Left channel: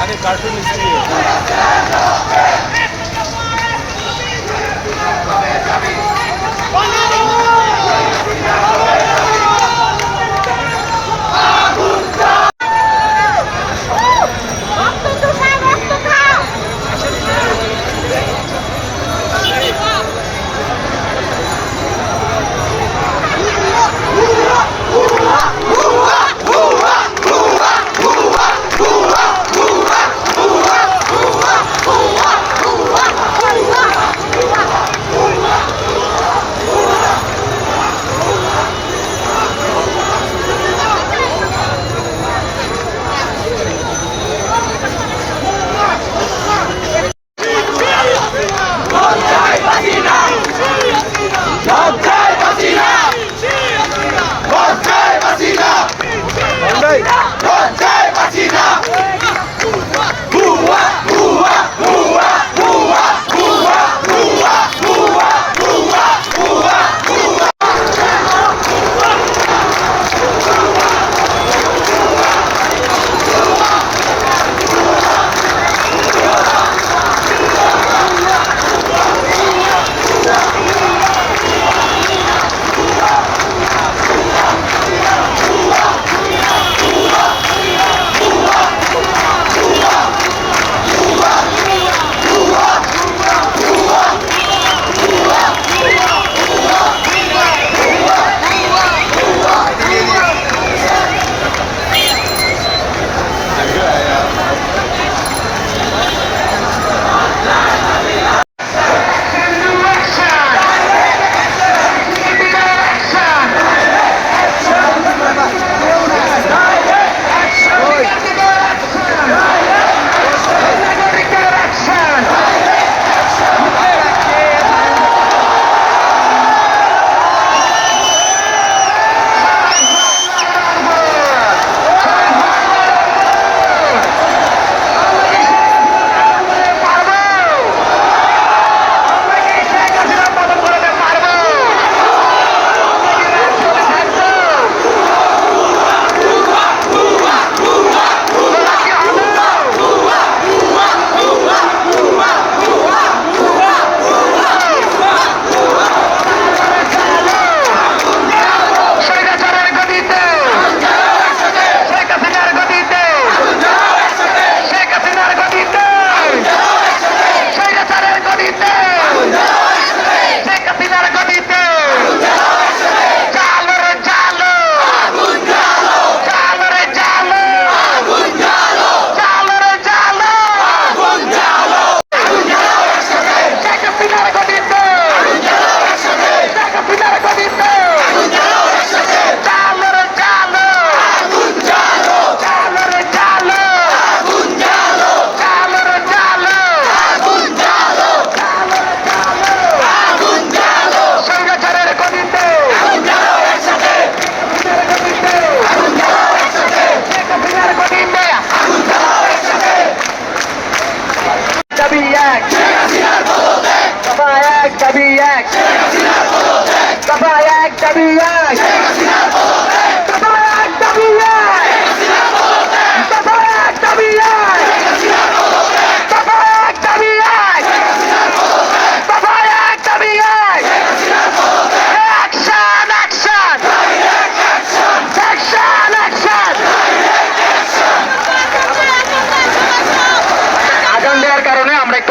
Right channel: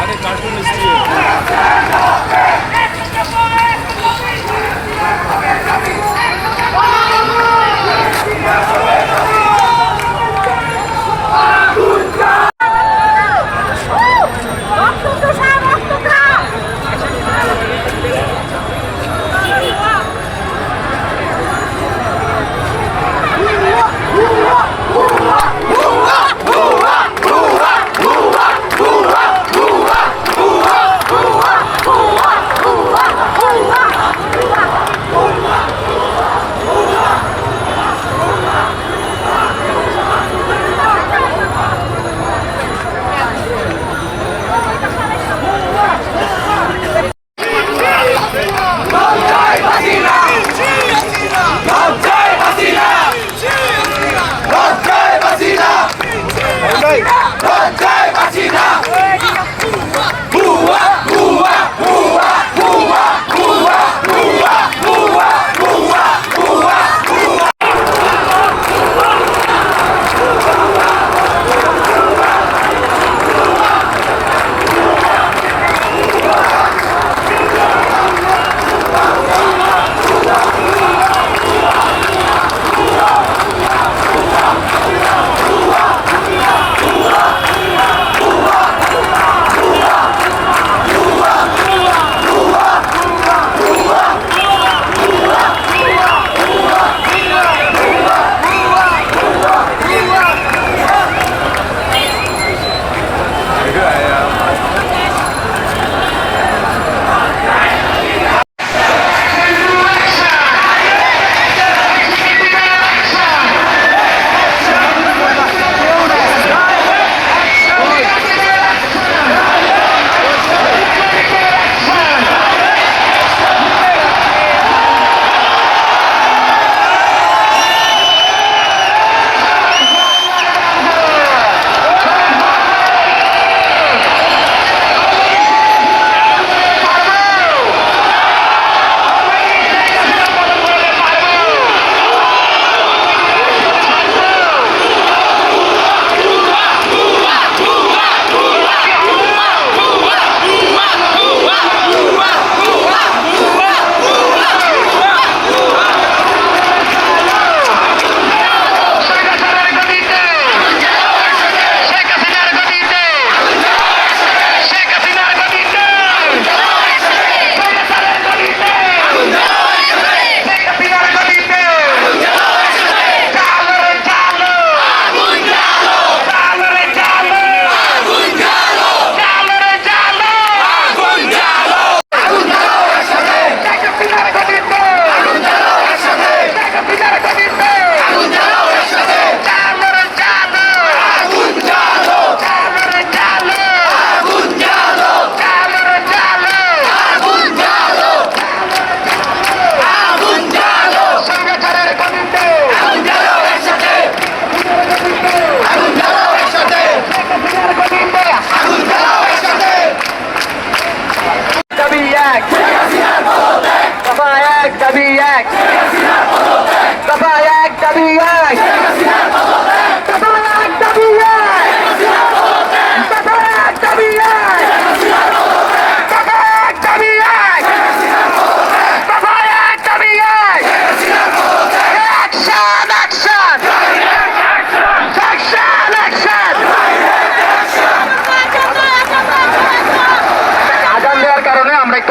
আরে cartoon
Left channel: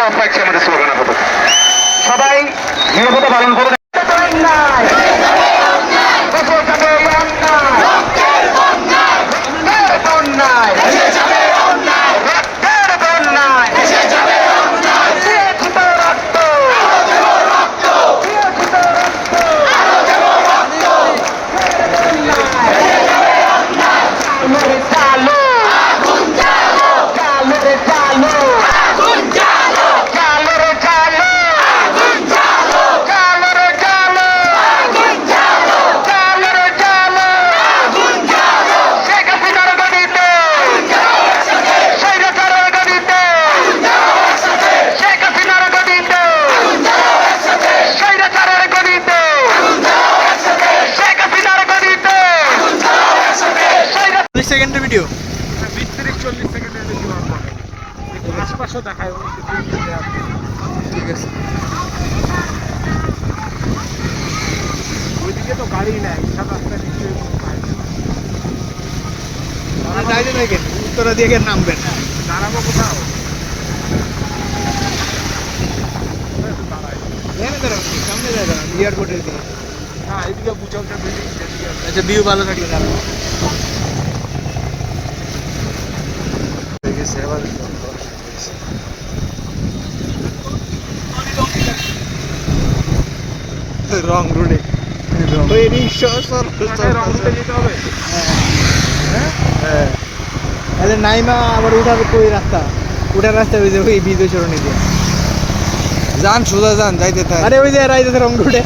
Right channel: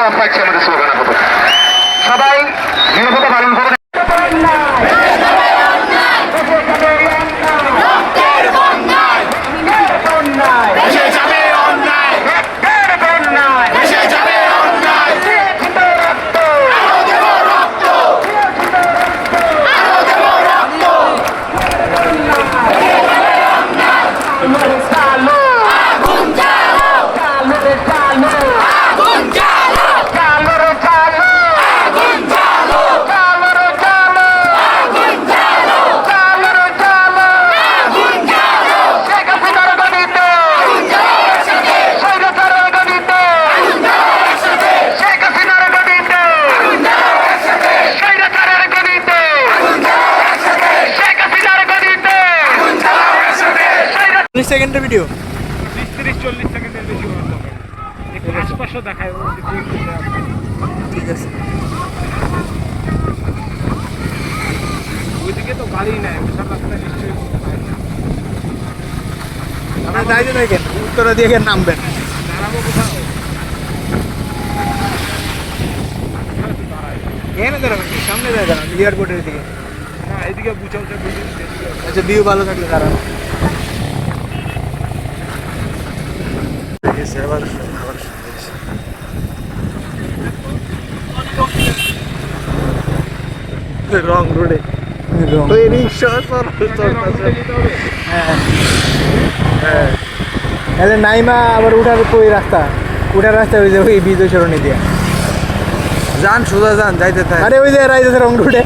of রাখছি আমাদের স্লোগান আপাতত। সবাই নিরাপত্তা পালন করুন। Chalo, সেকেন্ডের ভিডিও? 20-30-40 সেকেন্ডের বেশি হওয়ার দরকার নেই। একটু আশেপাশেও দেখায় ঠিক আছে। ওইদিকে তো গাড়ি নাই, বিশাল রাস্তা নিশ্চয়ই পায় না। আপনারা যাইতে থাকেন, উত্তরা দিয়ে গিয়ে নামবেন। দাঁড়াবো কোথাও? এখানে দাঁড়াবেন, সামনে যায় দাঁড়ান, এয়ারপোর্টের দিকে। না, এদিকে উঁচা উঁচা বিল্ডিং। আচ্ছা, ভিউ ভালো থাকলে দাঁড়ান। রং রোডে ওই রিক্সা যেতে হবে। তাহলে নাইমা আবার উঠাবে কই রাস্তা? উঠার রাস্তা ওই যে ওই বিজয় সরণি দিয়ে যান, সোজা যান, যাইতে থাক। আরে ওই যে রাইতেছে রং রোডে।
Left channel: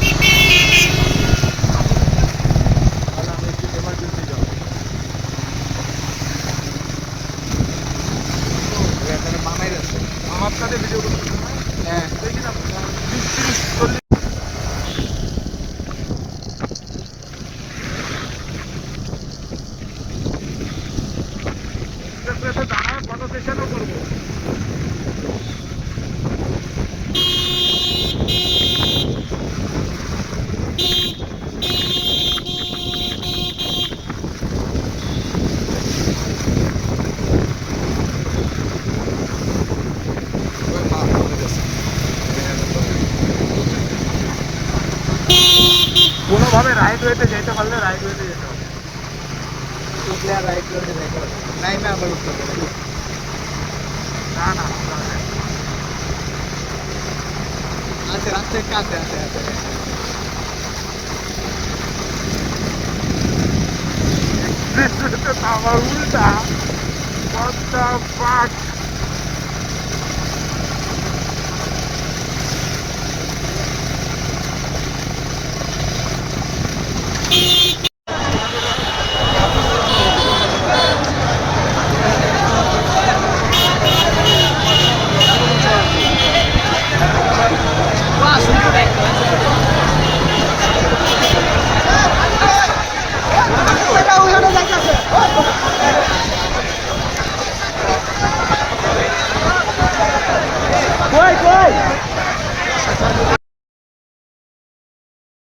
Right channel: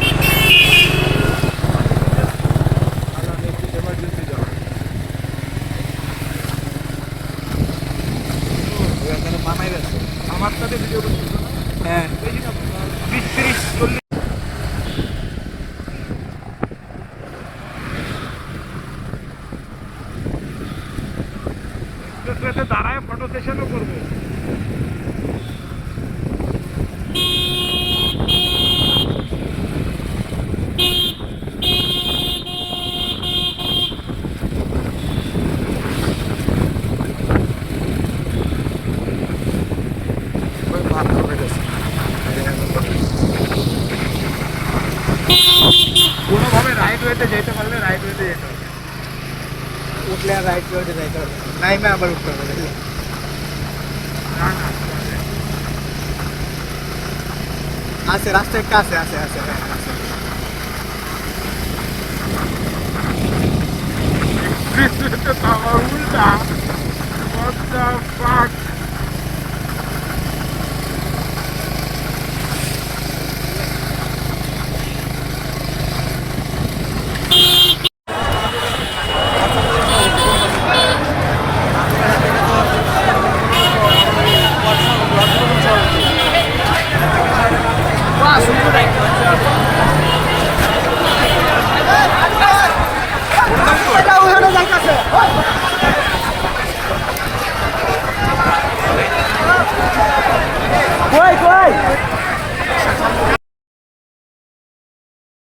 আমার সাথে ভিডিও করতেছে না? হ্যাঁ, বেশি না, 20-30-40। এক্সপ্রেসওয়েতে দাঁড়ায় ফটো সেশনও করবো। কোনোভাবে রাইট ওয়েতে যেতে পারলে রাইট ওয়েতে যেতে হবে। উঠলে আর রাইট রোডে যাইতে হবে, নাইমা আবার উঠতে হবে নাকি? না না, আছে, রাস্তা একটা আছে, আছে আছে হ্যাঁ, আছে। আমার উল্টা। What the fuck?